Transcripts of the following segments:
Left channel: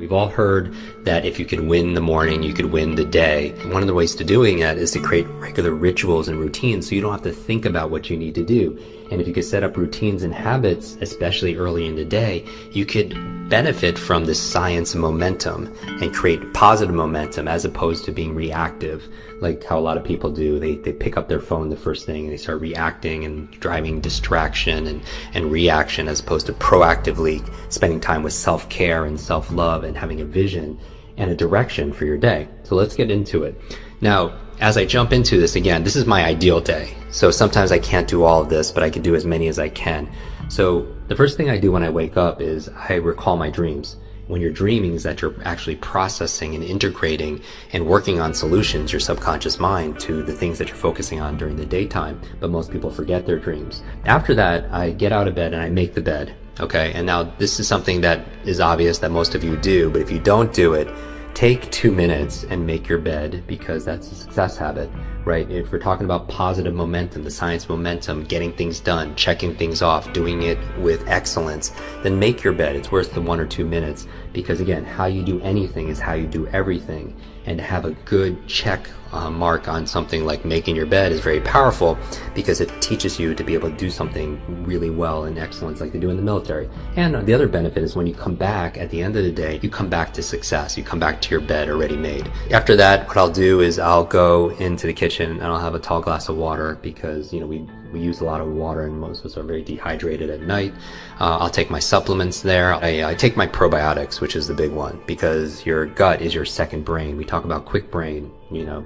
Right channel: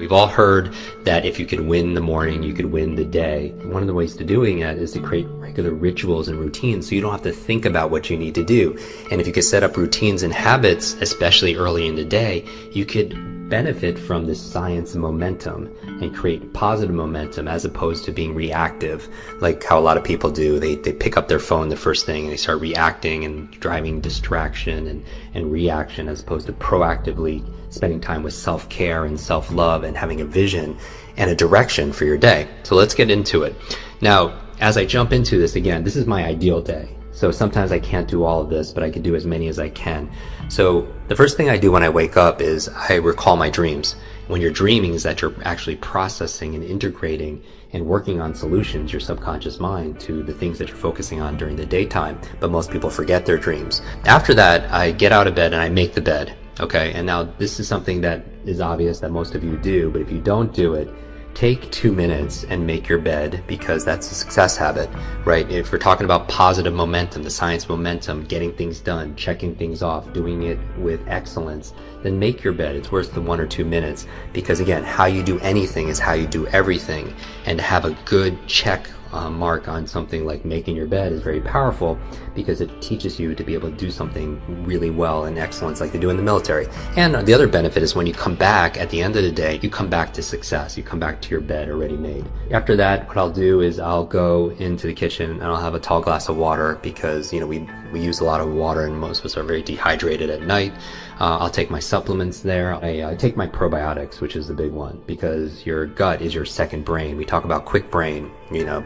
We've all heard that if you could win the morning, you could win the day. One of the ways to doing that is to create regular rituals and routines so you don't have to think about what you need to do. And if you could set up routines and habits, especially early in the day, you could benefit from this science of momentum and create positive momentum as opposed to being reactive, like how a lot of people do. They pick up their phone the first thing and they start reacting and driving distraction and reaction, as opposed to proactively spending time with self-care and self-love and having a vision and a direction for your day. So let's get into it. Now, as I jump into this, again, this is my ideal day. So sometimes I can't do all of this, but I can do as many as I can. So the first thing I do when I wake up is I recall my dreams. When you're dreaming is that you're actually processing and integrating and working on solutions, your subconscious mind, to the things that you're focusing on during the daytime, but most people forget their dreams. After that, I get out of bed and I make the bed. Okay, and now this is something that is obvious that most of you do, but if you don't do it, take 2 minutes and make your bed, because that's a success habit, right? If we're talking about positive momentum, the science of momentum, getting things done, checking things off, doing it with excellence, then make your bed. It's worth the 1 or 2 minutes, because again, how you do anything is how you do everything. And to have a good check mark on something like making your bed is very powerful, because it teaches you to be able to do something really well in excellence like they do in the military. And the other benefit is when you come back at the end of the day, you come back to success. You come back to your bed already made. After that, what I'll do is I'll go into the kitchen and I'll have a tall glass of water, because we use a lot of water and most of us are very dehydrated at night. I'll take my supplements there. I take my probiotics, which is the big one, because your gut is your second brain. We talk about Kwik brain,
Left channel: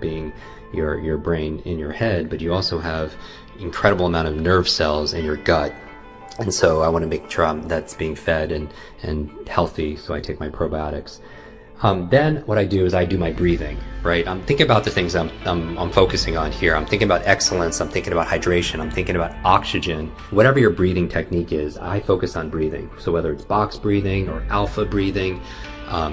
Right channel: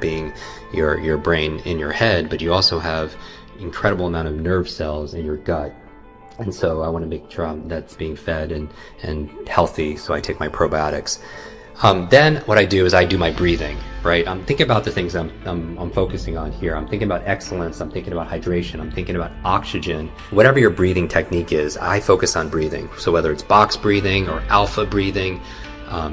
being your brain in your head, but you also have incredible amount of nerve cells in your gut. And so I want to make sure that's being fed and healthy. So I take my probiotics. Then what I do is I do my breathing, right? I'm thinking about the things I'm focusing on here. I'm thinking about excellence. I'm thinking about hydration. I'm thinking about oxygen. Whatever your breathing technique is, I focus on breathing. So whether it's box breathing or alpha breathing,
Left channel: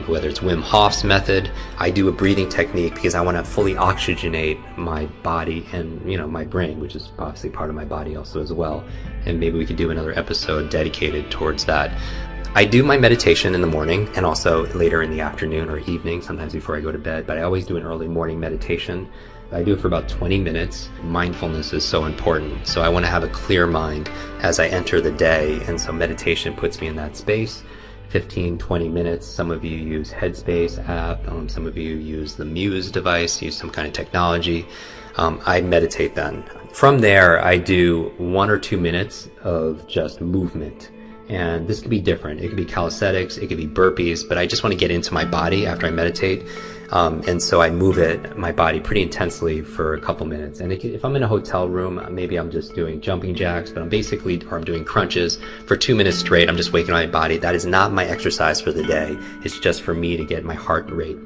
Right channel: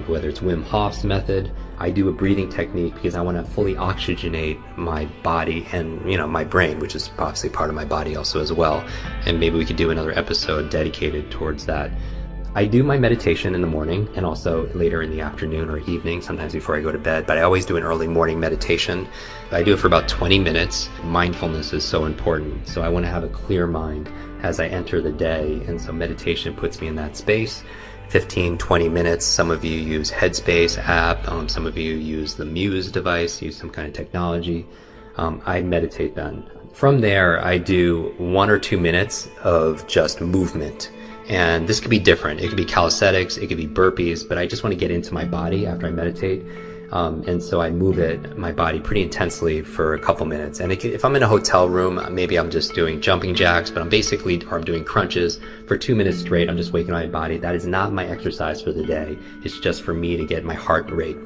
whether it's Wim Hof's method, I do a breathing technique because I want to fully oxygenate my body and, my brain, which is obviously part of my body also as well. And maybe we could do another episode dedicated towards that. I do my meditation in the morning and also later in the afternoon or evening, sometimes before I go to bed, but I always do an early morning meditation. I do it for about 20 minutes. Mindfulness is so important. So I want to have a clear mind as I enter the day. And so meditation puts me in that space. 15, 20 minutes. Some of you use Headspace app. Some of you use the Muse device, use some kind of technology. I meditate then. From there, I do 1 or 2 minutes of just movement. And this could be different. It could be calisthenics, it could be burpees, but I just want to get into my body after I meditate. And so I move my body pretty intensely for a couple minutes. And if I'm in a hotel room, maybe I'm just doing jumping jacks, but I'm doing crunches for 2 minutes straight. I'm just waking my body. That is not my exercise for the day. It's just for me to get my heart rate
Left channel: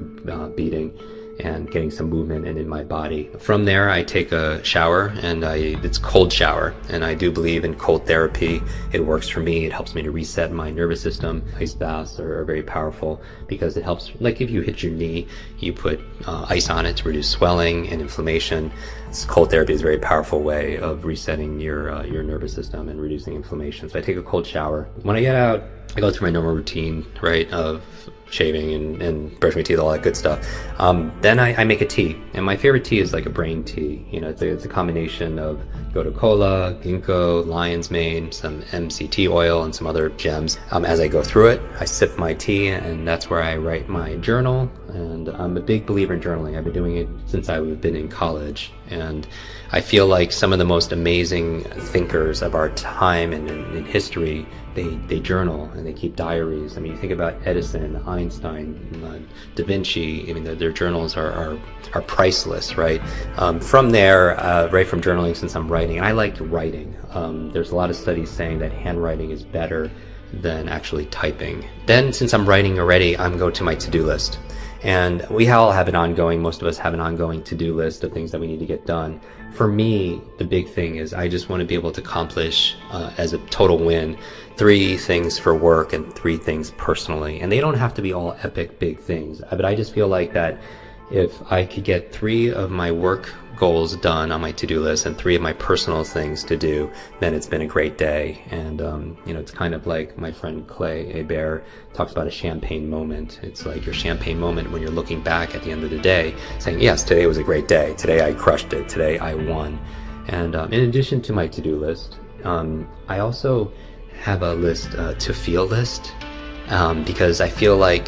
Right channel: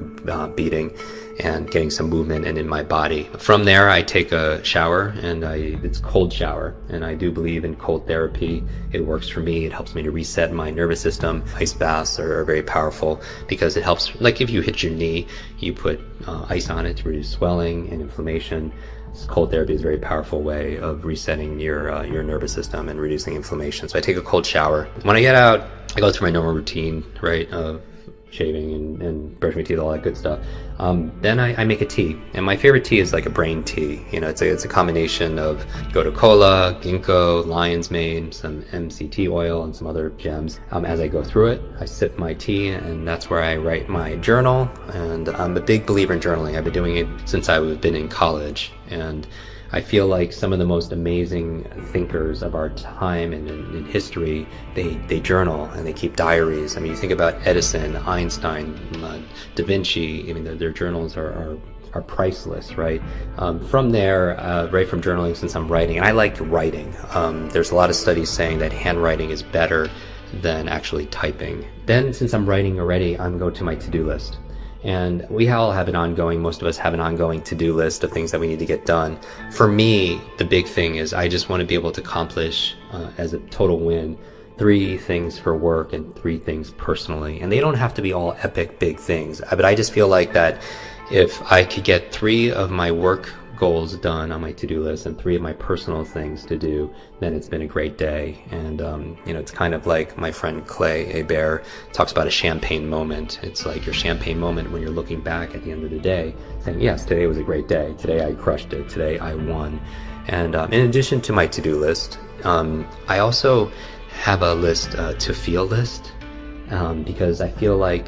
beating and getting some movement in my body. From there, I take a shower, and it's cold shower. And I do believe in cold therapy. It works for me. It helps me to reset my nervous system. Ice baths are very powerful because it helps, like if you hit your knee, you put ice on it to reduce swelling and inflammation. Cold therapy is a very powerful way of resetting your nervous system and reducing inflammation. So I take a cold shower. When I get out, I go through my normal routine, right, of shaving and brushing my teeth, all that good stuff. Then I make a tea, and my favorite tea is like a brain tea. It's a combination of gotu kola, ginkgo, lion's mane, some MCT oil, and some other gems. As I go through it, I sip my tea, and that's where I write my journal. And I'm a big believer in journaling. I've been doing it since I've been in college, and I feel like some of the most amazing thinkers of our time and in history, they journal and they keep diaries. I mean, you think about Edison, Einstein, Da Vinci. I mean, their journals are priceless, right? From there, right from journaling, since I'm writing, and I like writing. There's a lot of studies saying that handwriting is better than actually typing. Then, since I'm writing already, I'm going to my to-do list. And we all have most of us have an ongoing to-do list of things that we need to get done. For me, the big thing is I just want to be able to accomplish, as a total win, 3 things for work and 3 things personally. And they don't have to be all epic big things, but I just feel like that if I could get 3 of my work goals done on my to-do list and 3 of my personal things to do, then it's been a great day. And it's kind of like my friend Clay Hebert talks about a champagne moment. It's like your champagne moment when you're looking back at the end of the day saying, yes, today was a great day, today I crushed it, today I won. And in addition to my to-do list, I also have a list, to feel list, because I feel like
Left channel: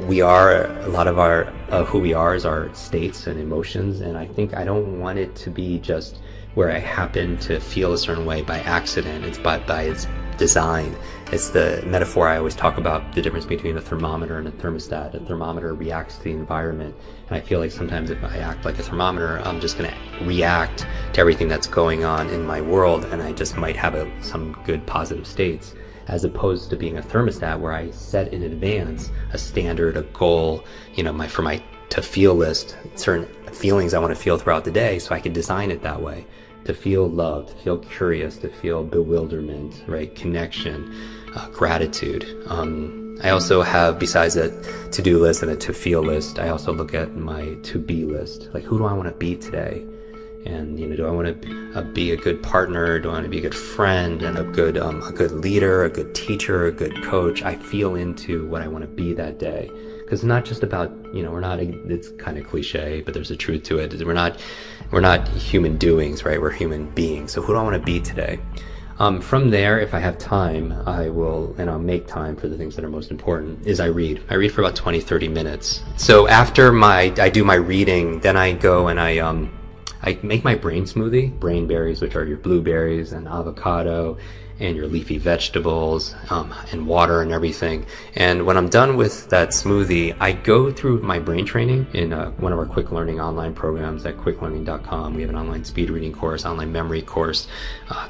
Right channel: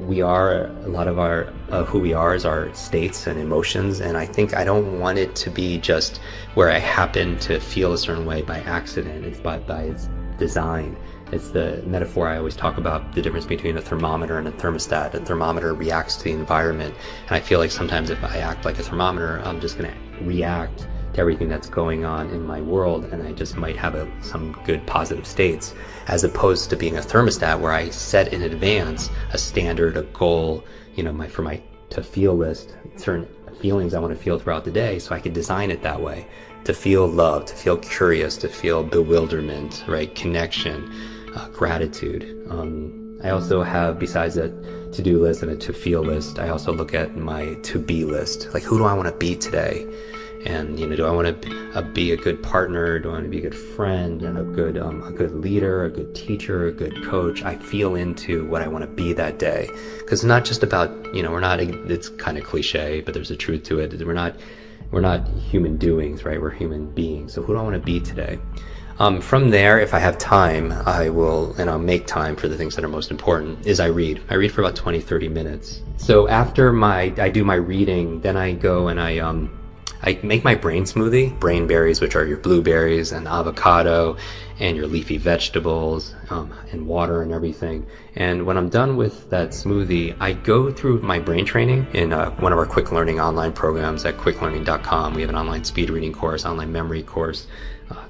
a lot of our who we are is our states and emotions, and I think I don't want it to be just where I happen to feel a certain way by accident. It's by its design. It's the metaphor I always talk about, the difference between a thermometer and a thermostat. A thermometer reacts to the environment, and I feel like sometimes if I act like a thermometer, I'm just going to react to everything that's going on in my world, and I just might have some good positive states, as opposed to being a thermostat where I set in advance a standard, a goal, for my to feel list, certain feelings I want to feel throughout the day, so I can design it that way. To feel love, to feel curious, to feel bewilderment, right? Connection, gratitude. I also have, besides a to-do list and a to-feel list, I also look at my to-be list. Like, who do I want to be today? And, do I want to be a good partner? Do I want to be a good friend and a good leader, a good teacher, a good coach? I feel into what I want to be that day. Because it's not just about, it's kind of cliche, but there's a truth to it. We're not human doings, right? We're human beings. So who do I want to be today? From there, if I have time, I'll make time for the things that are most important, is I read. I read for about 20, 30 minutes. So after I do my reading, then I go and I make my brain smoothie, brain berries, which are your blueberries and avocado and your leafy vegetables, and water and everything. And when I'm done with that smoothie, I go through my brain training in one of our quick learning online programs at quicklearning.com. We have an online speed reading course, online memory course,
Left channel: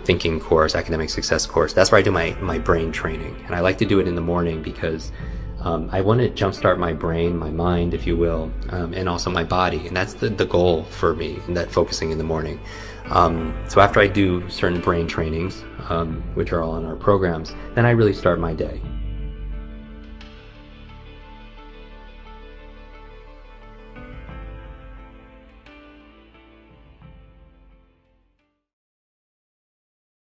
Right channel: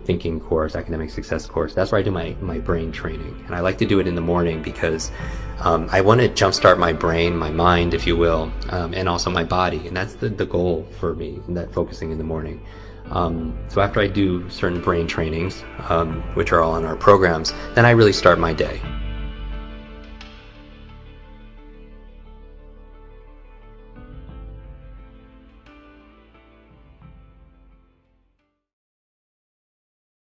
thinking course, academic success course. That's where I do my brain training. And I like to do it in the morning because I want to jumpstart my brain, my mind, if you will, and also my body. And that's the goal for me, that focusing in the morning. So after I do certain brain trainings, which are all in our programs, then I really start my day.